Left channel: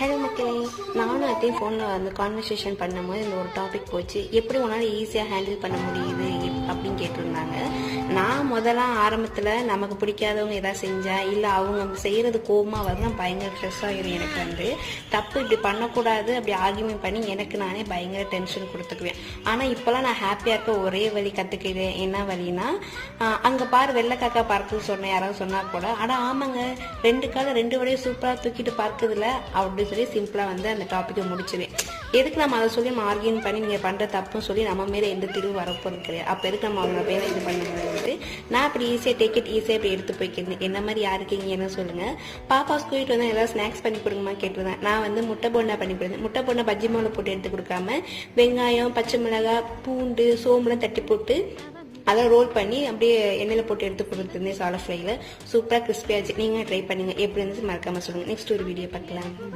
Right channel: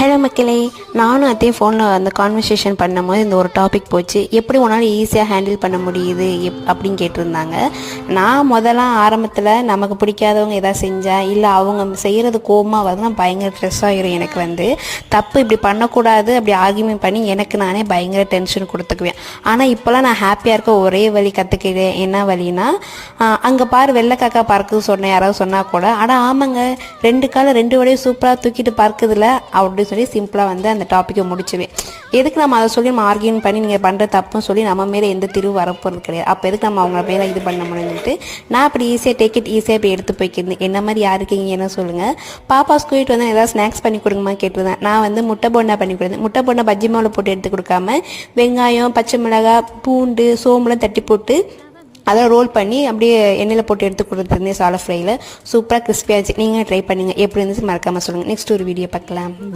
Hello மக்களே, நானும் அதே ஃபோனில் அந்த கான்வர்சேஷன் பண்ணும்போது இந்த ஒரு டாபிக் போச்சு. எப்படி உன்னால் ஈஸியாக ஹேண்டில் பண்ண முடியுது அப்படின்னு கேட்டிருந்தாங்க. நான் முதல்ல ஆரம்பத்தில் நமக்கு பிடிக்காதவங்க எதாவது செஞ்சால் இல்லை அவங்க செய்கிறது கோபமாக வருதுன்னா பயங்கர ஸ்ட்ரெஸ் ஆகிரும். எனக்கு தப்பு இப்படி பண்ணக்கூடாது அப்படி ஆர்கியூமெண்ட் பண்ணி எனக்கு நானே பயங்கர டென்ஷன் கொடுத்துக்குவேன். ஆனால் இப்போலாம் நான் ஹாப்பியாக இருக்க ஒரே வழி கற்றுக்கிட்டேன். என்ன வழினா, அங்கே பாரு வெள்ளைக்காக்கா பார்க்குது சொன்னேன் யாராவது சொன்னால் கூட, ஆனால் ஆமாங்க 2 காலை 2 வடையும் சூப்பராக தூக்கிட்டு பார்க்குதுல அப்படின்னு சொல்லி சிம்பிளாக அந்த டாப்பிக்கை முடிச்சுவேன். எதுக்கு நம்ம அதை சொல்லி நம்ம ஆர்கியூன் பண்ணி நீங்கள் பண்ணுற தப்புன்னு சொல்லி நம்ம மேலே எந்த திருவு வரப்போகிறது கிடையாது. அப்போ எதுக்கு நம்ம அவங்க மேலே இது பண்ண முடியும்ட்டு நான் அப்படி ஈஸியாக டேக் இட் ஈஸியாக இப்படி எடுத்து போய்க்கிருந்தேன். என்ன மாதிரி யாருக்கீங்க என்ன சொல்லுங்கள். பாப்பா ஸ்கூலிட்டு ஏதாவது ஸ்நாக்ஸ் பண்ணி கொடுங்கம்மா கேட்டுருந்தேன். நான் முட்டை போண்டா பண்ணி கொடுத்தேன். முட்டை போண்டா பஜ்ஜி மாவில் போட்டு எடுத்து கொடுக்காம வெங்காயம், பச்சை மிளகாய், பூண்டு, சோம்புலாம் தட்டி போட்டு அதை ரோல் பண்ணி அப்படியே எண்ணெயில் போட்டு எடுத்து கொடுத்துருந்தேன். சாலை ஃப்ரையில் சூப்பராக கிறிஸ்பியாச்சு. நீங்கள் ட்ரை பண்ணுங்கள். எப்படி இருந்துச்சு மறக்காமல் சொல்லுங்கள். நெக்ஸ்ட் ஒரு வீடியோ பார்க்கலாம்.